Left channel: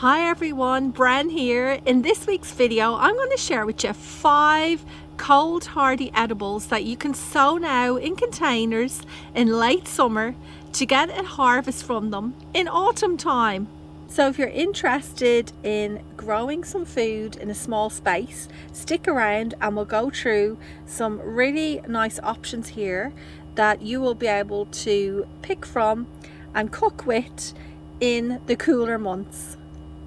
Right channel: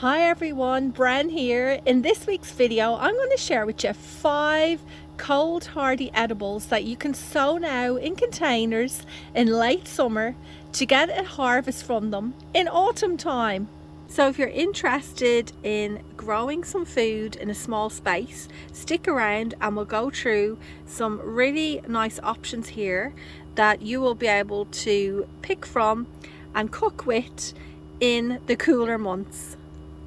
Hi everyone, Bren here. In this week's video, I'm going to share with you 5 cold hardy edibles that you can sow now in containers in late summer to get a harvest from them in autumn time. So if you're interested in growing some food in a small space, stick around and we'll go through some really nice options here that you will be able to pick from and cook with in the cooler months.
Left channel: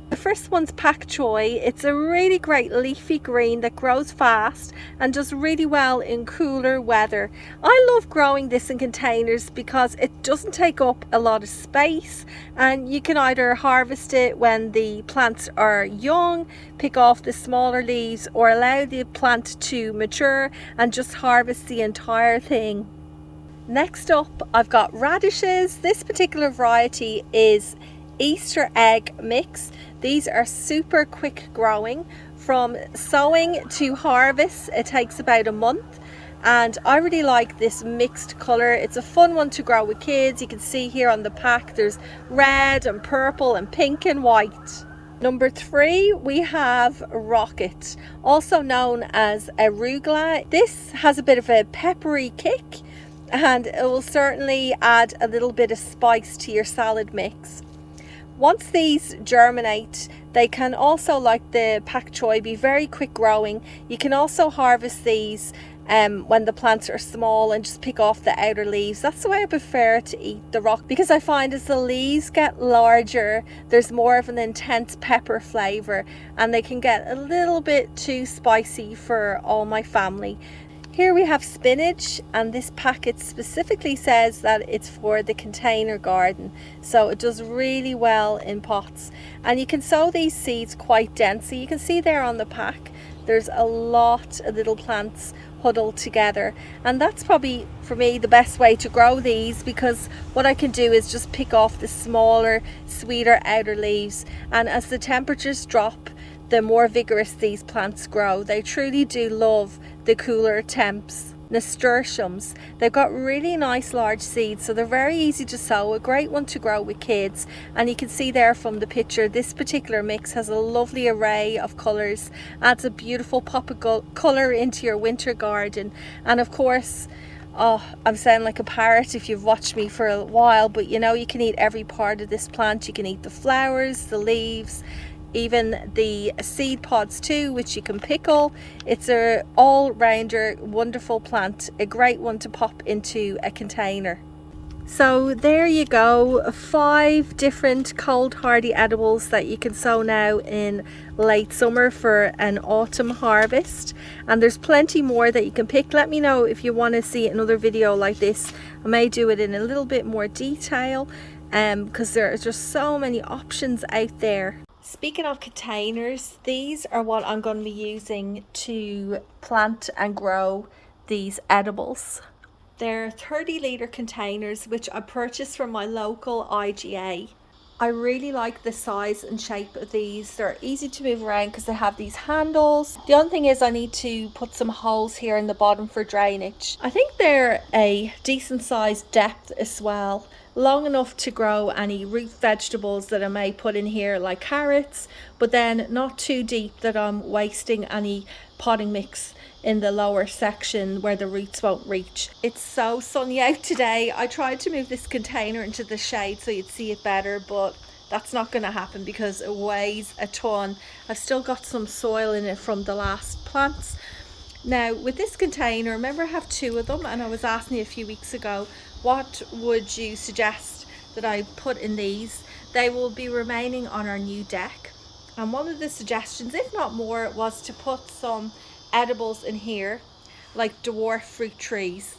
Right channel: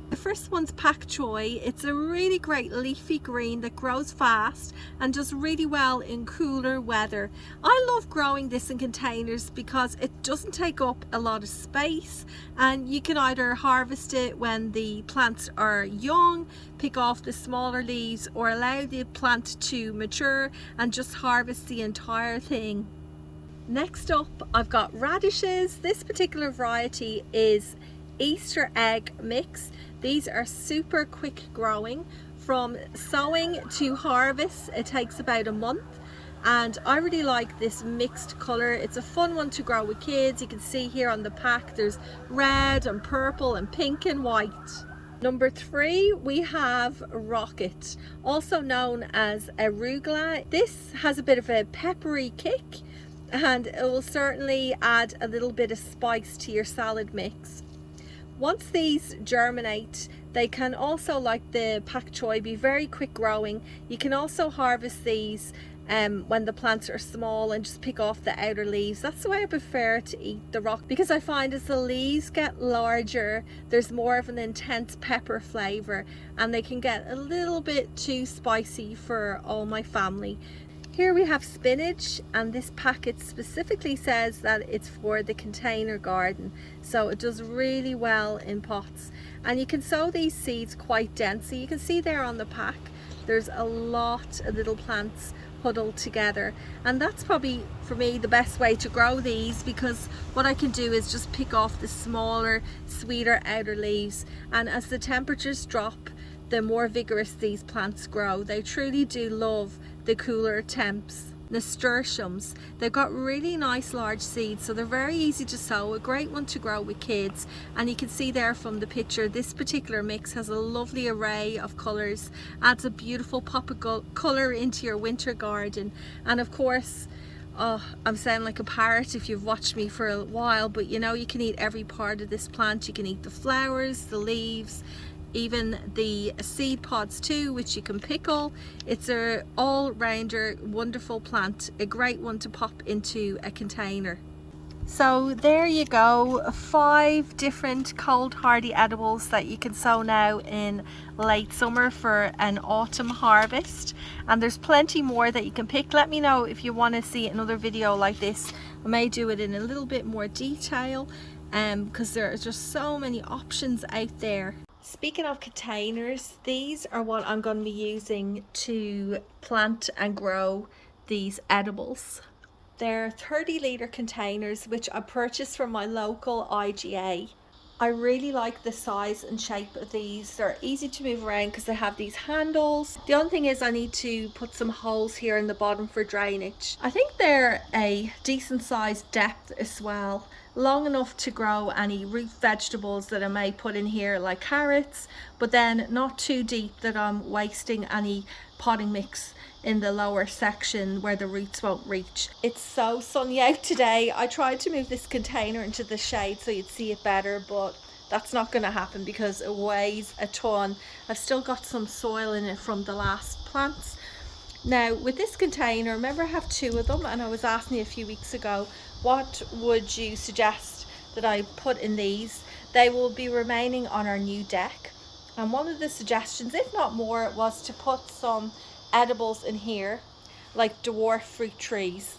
The first one's pak choi. It's a really great leafy green that grows fast and does really well in cooler weather. I love growing this in containers because it doesn't take up a lot of space, and you can either harvest it when the plants are young, pick off the smaller leaves, or allow the plant to mature and just harvest the entire thing. Next up, I've got radishes. This particular variety is Easter egg mix. These are super quick growing. From sowing to harvest, it takes about a month, and I really like this mixed color. It's a fun one to grow with kids. You can see here on the pack there's red and purple and pink and white. Number 3, we have rocket, also known as arugula. This has a bit of a peppery kick and it will certainly add a little bit of spice to your salad mix. Once these germinate, they can also, like the pak choi, be very quick growing. You can also harvest these when the plants are small and just pick off the outer leaves. That's the way I prefer to eat the rock, because I find as the leaves get larger, there's more of an intense pepper flavor and they can get a little bit too spicy for all my family. Here we have spinach, and this packet specifically says that it's for the container garden, so it does really well in pots, and you can sow these seeds quite densely. You can see there on the pack there's a lot of little plants huddled together, and that's probably for me the best way to grow these, because what I can do is just pick off the smaller, sweeter outer leaves, and as the temperatures drop, the more vigorous these plants grow. They truly do love the cooler temps. Nasturtiums, they've got really nice large seeds, so they're very easy to sow, a great one to grow with kids. And you can see there from the picture, this particular mix has a lovely array of colors, adds a beautiful pop of color into your winter garden. And of course, I'm sounding like a parrot if you've watched me for a while, but you know, you can eat every part of this plant. You can eat the flowers, the leaves, even the seed pods too, which you can pickle. It's a all-rounder wonderful plant, a great one to pop into a container. So there you go, 5 different cold hardy edibles that you can sow now in late summer for an autumn harvest, and there's plenty more that you can pick. Let me know if you want to see another video like this. I may do it in a little bit more detail because there are just so many options out there. Speaking of containers, these are what I'm going to be using to plant and grow these edibles. They're 30-litre containers which I purchased from my local IGA. I really like the size and shape of these. They're easy to move around because they have these handles. The only thing is I need to put some holes here in the bottom for drainage. I think they're a decent sized depth as well, long enough to grow any root vegetables that I may put in here, like carrots, but then not too deep that I'm wasting any potting mix in the lower section where the roots won't reach. It's so sunny out today. I tried to move this container into the shade so you'd see it better, but that's not going to happen because it weighs a ton. I've still got some soil in it from the last plants. Now with this container, remember I have 2 of them, and I was asking you a few weeks ago, what would you suggest that I put in these? They will be remaining on our new deck, and one of the suggestions, if not more, was to put some edibles in here, like dwarf fruit trees.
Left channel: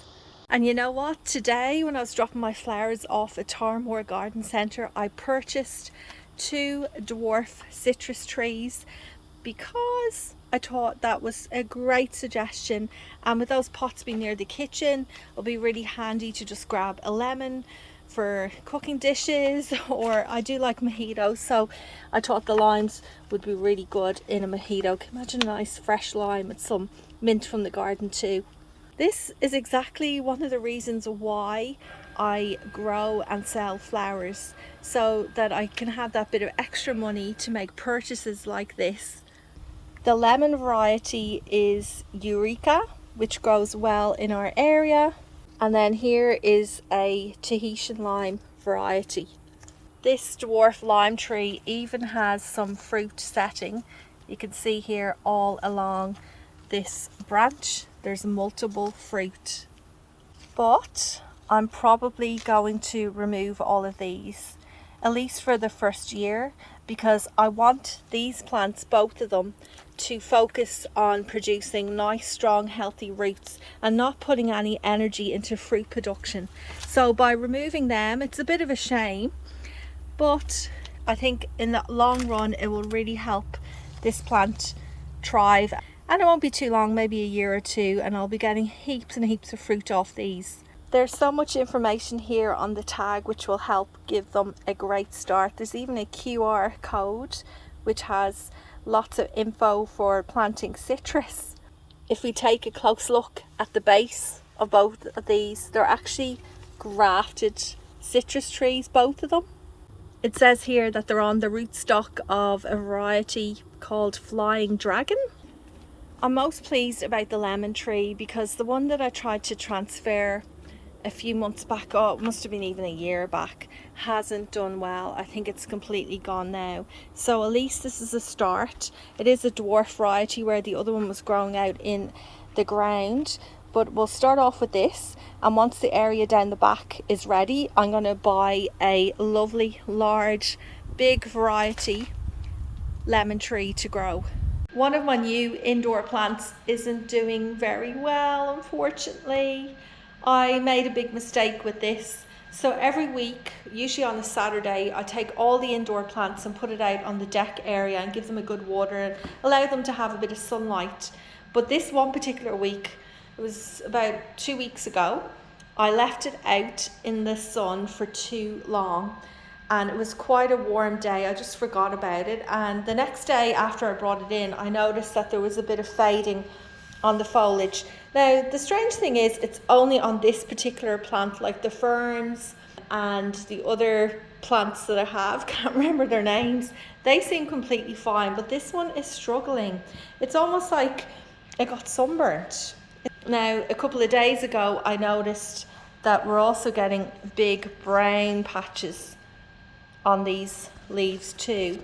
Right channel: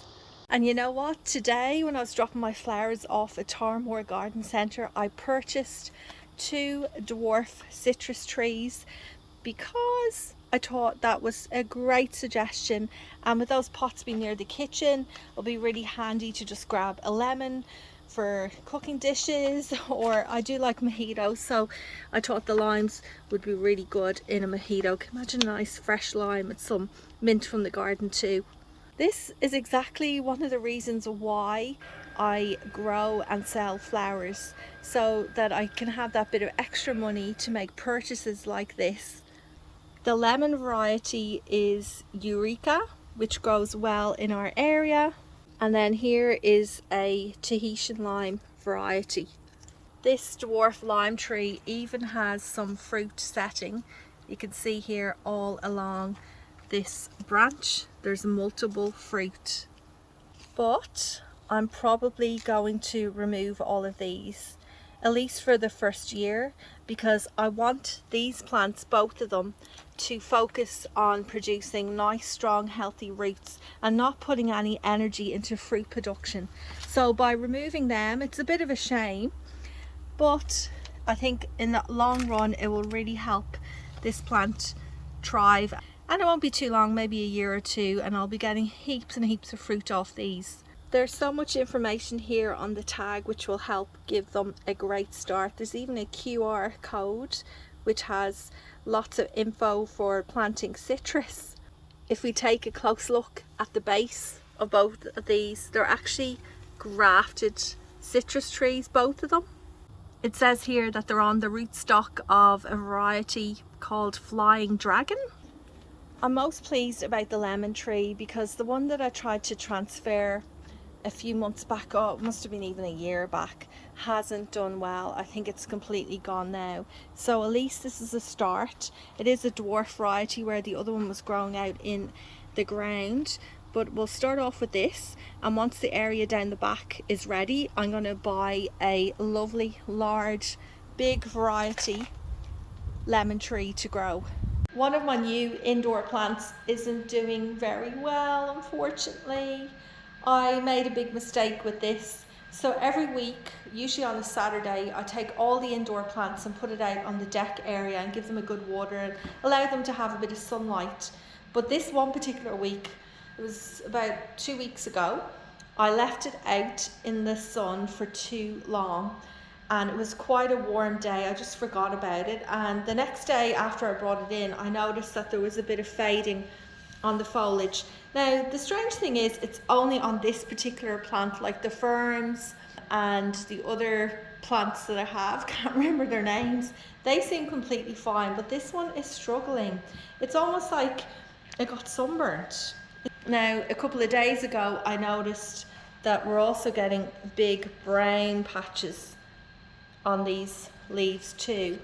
And you know what? Today when I was dropping my flowers off at Tarmore Garden Centre, I purchased 2 dwarf citrus trees because I thought that was a great suggestion, and with those pots being near the kitchen, it'll be really handy to just grab a lemon for cooking dishes, or I do like mojitos, so I thought the limes would be really good in a mojito. Can you imagine a nice fresh lime with some mint from the garden too? This is exactly one of the reasons why I grow and sell flowers so that I can have that bit of extra money to make purchases like this. The lemon variety is Eureka, which grows well in our area. And then here is a Tahitian lime variety. This dwarf lime tree even has some fruit setting. You can see here all along this branch there's multiple fruit. But I'm probably going to remove all of these, at least for the first year, because I want these plants, both of them, to focus on producing nice, strong, healthy roots and not putting any energy into fruit production. So by removing them, it's a bit of a shame, but I think in the long run it will really help this plant thrive. And it won't be too long, maybe a year or two, and I'll be getting heaps and heaps of fruit off these. There's so much information here on the tag which will help give them a great start. There's even a QR code which has lots of info for planting citrus. If we take a close look at the base of both of these, they're actually grafted citrus trees, both of them. It says here that they're on the rootstock of a variety called Flying Dragon. I'm most pleased about the lemon tree because the one that I tried to transfer a few months back, oh it must have been even a year back, hasn't done well. I think it's completely gone now. So at least this is a start. It is a dwarf variety where the other one was growing out in the ground, but we'll start off with this, and once the area down the back is ready, I'm going to buy a lovely large big variety lemon tree to grow. One of my new indoor plants isn't doing very well, unfortunately. I made a big mistake with this. So every week, usually on a Saturday, I take all the indoor plants and put it out on the deck area and give them a good water and allow them to have a bit of sunlight. But this one particular week, it was about 2 weeks ago, I left it out in the sun for too long. And it was quite a warm day. I just forgot about it, and the next day after I brought it in, I noticed that there was a bit of fading on the foliage. Now the strange thing is it's only on this particular plant, like the ferns and the other plants that I have, can't remember their names, they seem completely fine, but this one is struggling. It's almost like it got sunburnt. Now a couple of days ago I noticed that we're also getting big brown patches on these leaves too,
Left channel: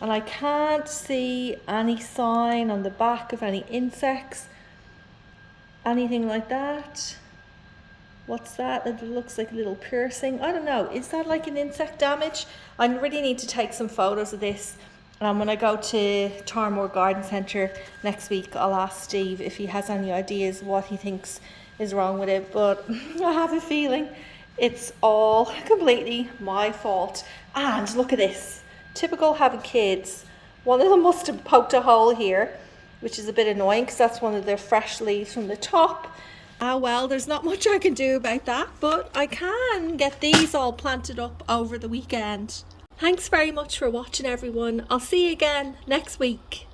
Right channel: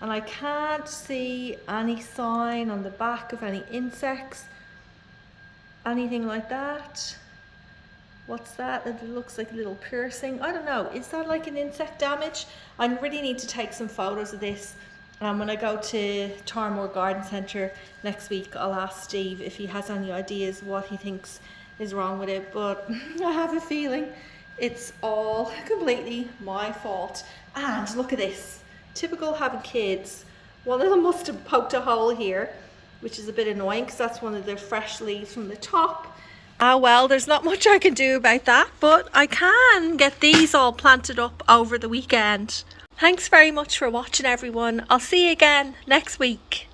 and I can't see any sign on the back of any insects, anything like that. What's that? It looks like a little piercing. I don't know, is that like an insect damage? I really need to take some photos of this, and when I go to Tarmore Garden Centre next week, I'll ask Steve if he has any ideas what he thinks is wrong with it, but I have a feeling it's all completely my fault. And look at this, typical having kids. One of them must have poked a hole here, which is a bit annoying because that's one of the fresh leaves from the top. Ah well, there's not much I can do about that, but I can get these all planted up over the weekend. Thanks very much for watching, everyone. I'll see you again next week.